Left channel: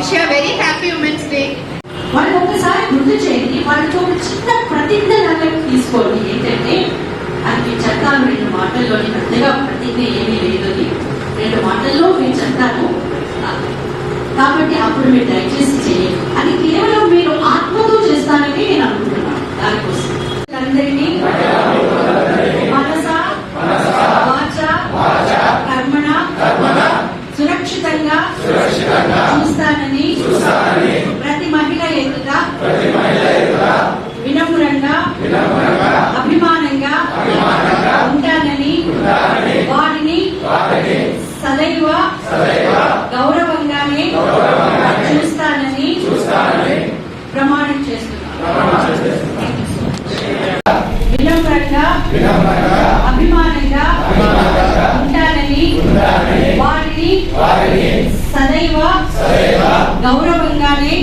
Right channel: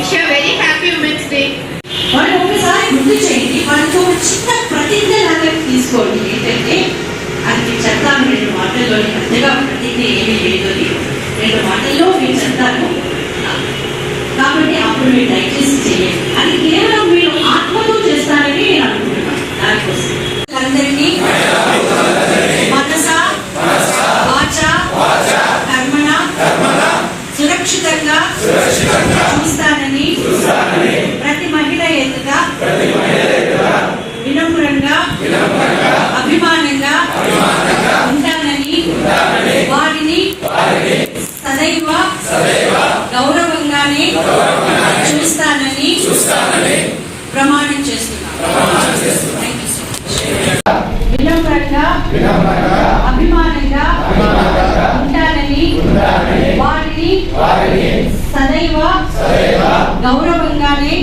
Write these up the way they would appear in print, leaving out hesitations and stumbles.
Wish you a very happy Women's Day. మనం ఒకసారి గుర్తు చేయండి, వాళ్ళతో ఒక చిన్న ప్రతిజ్ఞ లాగా తీసుకోండి. ఏంటంటే అది చెప్తాను 2 మాటల్లో, అంతగా ప్రతిజ్ఞ ఏమీ లేదు, 2 మాటల్లో నేను చెప్తాను కాబట్టి అప్పుడు మీరు దయచేసి చేయండి. అది కేవలం మీరు ఆత్మతో చేస్తారని నేను అనుకుంటున్నాను. దానికోసం అందరికీ మనస వాచ కర్మణ సురక్షితంగా చూస్తానని ప్రతి మహిళ ఎదుట వినమ్రంగా అభిమానంగా ఉంటానని వారిని సదైవ గౌరవంగానే చూస్తానని ప్రమాణం చేస్తున్నాను. వినమ్రంగా అభిమానంగా ఉంటానని వారిని సదైవ గౌరవంగానే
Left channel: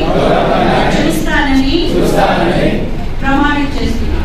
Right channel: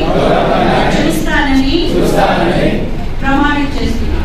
చూస్తానని ప్రమాణం చేస్తున్నాను.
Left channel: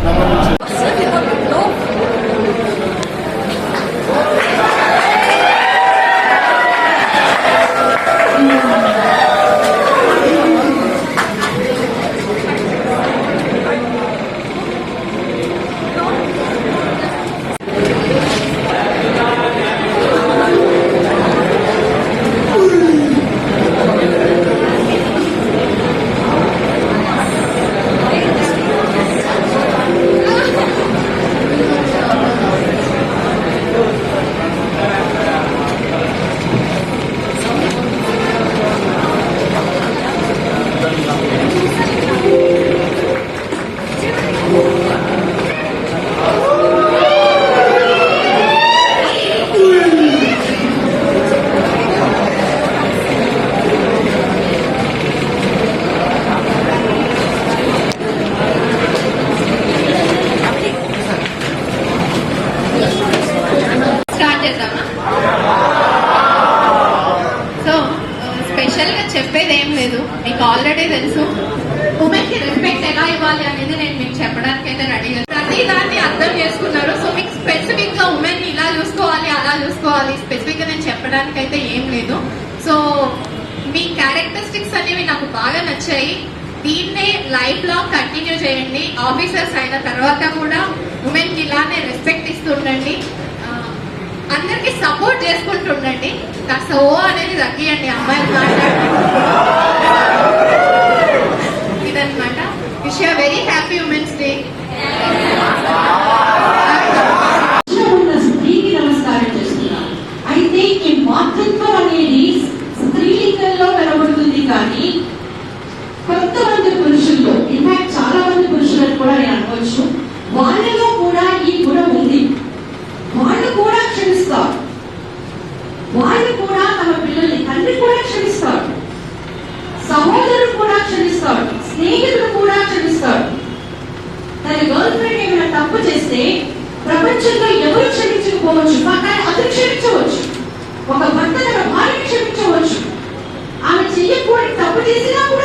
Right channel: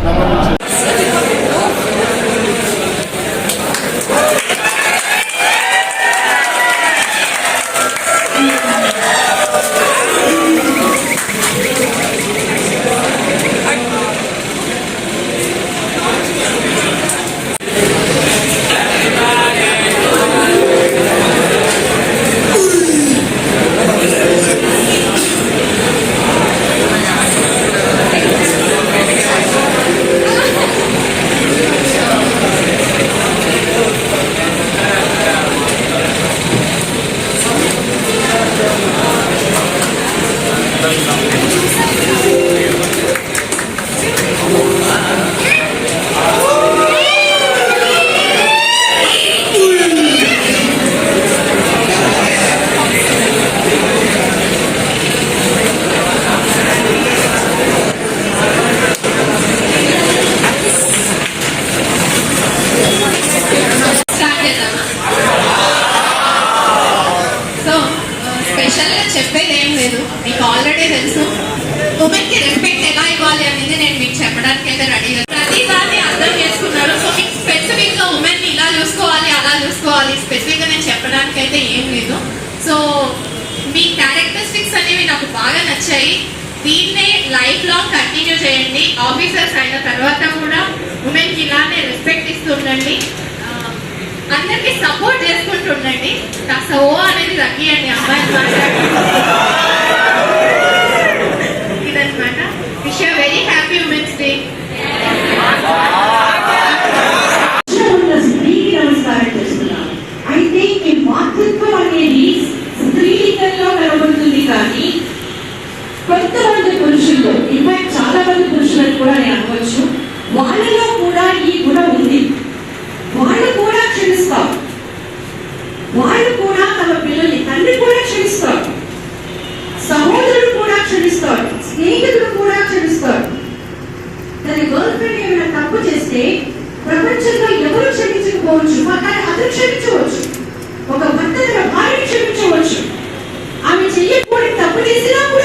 చెప్పేది ఏం లేదు, మీకు ఆల్రెడీ తెలుసు. ఉమెన్ కి రెస్పెక్ట్ ఎలా ఇవ్వాలి అనేది నేను మీకు చెప్పడానికి అయితే రెడీ. ప్రతిదాన్ని అర్థం చేసుకున్నారు. సో మీకు స్పెసిఫిక్ గా ఉమెన్ ని ఇలా చూసుకోవాలి అలా చూసుకోవాలి స్పెసిఫిక్ గా నేను చెప్పడానికి అయితే ఏం లేదు. సో మీ క్యారెక్టరిస్టిక్స్ అనేవి నాకు బాగా నచ్చాయి. దీన్నే లైఫ్ లాంగ్ కంటిన్యూ చేయండి. ఆఫీసర్స్ అయిన తర్వాత కూడా ఉమెన్ కి ఇలానే రెస్పెక్ట్ ఇస్తుండండి, అందరికి సపోర్ట్ చేసుకుంటుండండి. కాస్త ఓ అనేది తగ్గియండి అమ్మాయిలు ఇదన్నమాట. Wish you very happy women's day. స్త్రీకి నమస్కారం చేస్తున్నాను. అయితే ఈ మాతృత్వం అనేది స్త్రీలింగంలో కనబడుతుంది, కానీ కొంతమంది పురుషుల్లో, ఇన్ఫాక్ట్ చాలా మంది పురుషులకు కూడా నేను అనవచ్చు, వాళ్ళలో కూడా ఈ గుణం ఉంది. వాళ్ళు కూడా క్షమిస్తారు, వాళ్ళు కూడా తమ పిల్లల్ని, తండ్రి కూడా క్షమిస్తారు, సహోదరుడు కూడా క్షమిస్తారు, స్నేహితుడు కూడా క్షమిస్తారు. తన గర్ల్ ఫ్రెండ్ ఏమైనా తప్పు చేస్తే ప్రపంచంలో ఎవరు క్షమించకపోవచ్చు, కానీ అతను క్షమించవచ్చు. ఒక భర్త తన భార్యను క్షమించవచ్చు. ఆమె చెయ్యకూడని తప్పు చేసినా కూడా